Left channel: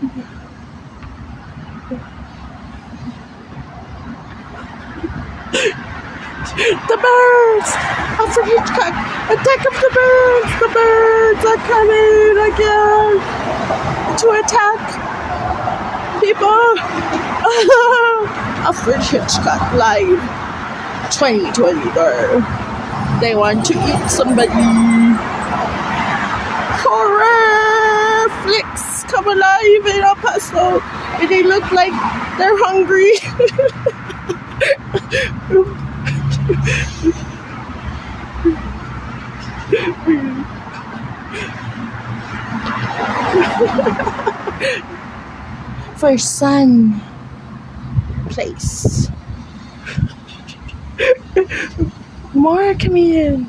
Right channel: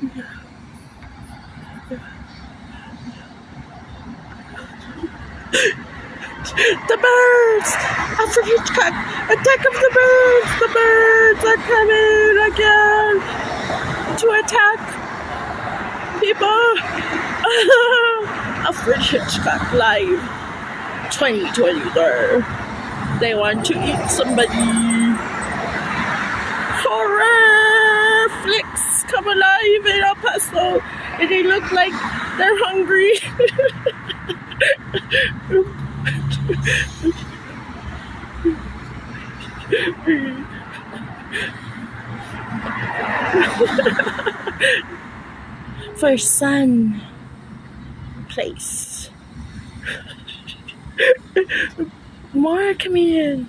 The birds! Alfred Hitchcock! Attack of the birds! The birds are coming again to attack people! Alfred Hitchcock live 2023. They want to eat somebody. Horror flicks come alive in El Paso. They look like they're hungry. For Sun Place. More coming in.